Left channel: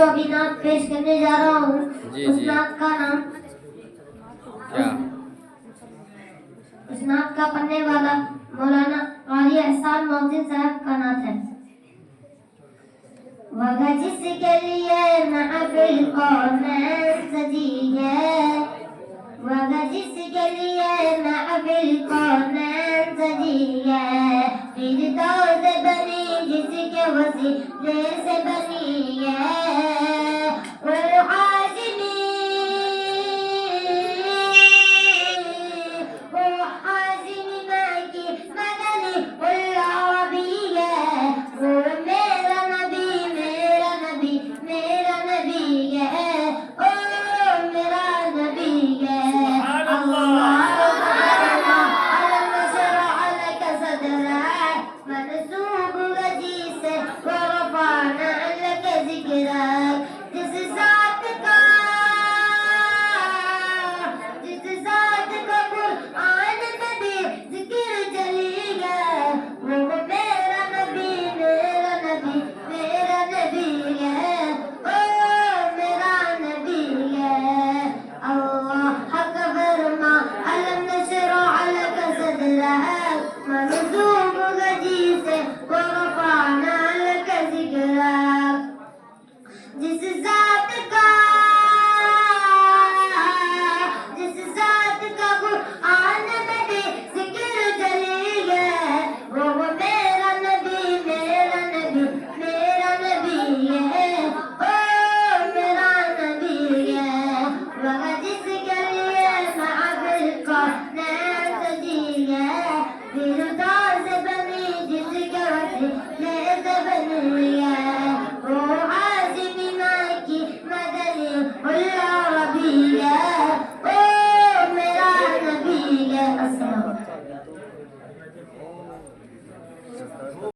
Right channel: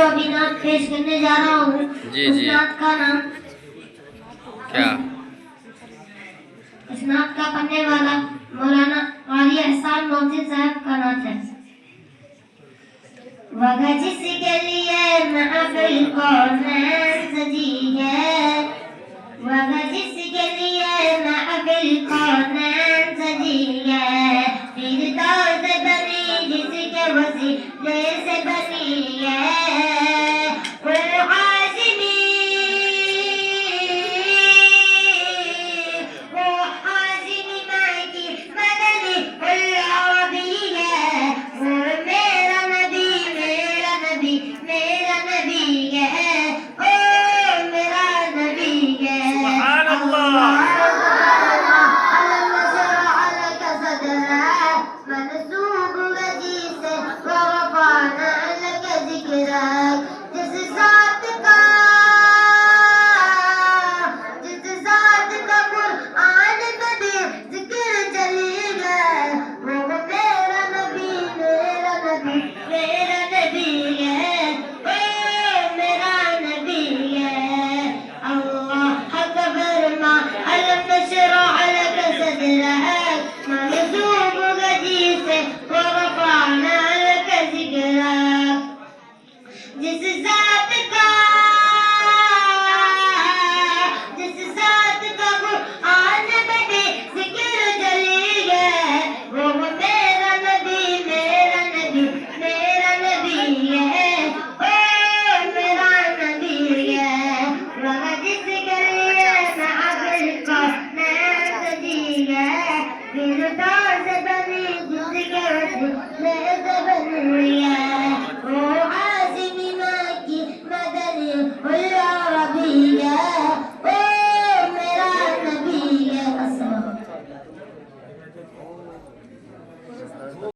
जो अभी नात पेश करने जा रहा हूँ उस नात का नाम क्या? इस नात का पढ़ने वाला मौलाना काली एहसान मोहसिन साहब का नात है। वह जिसके लिए महफिल कौनैन सजी है, वह जिसके लिए महफिल कौनैन सजी है, फिर दौद बनी जिसके वसीले से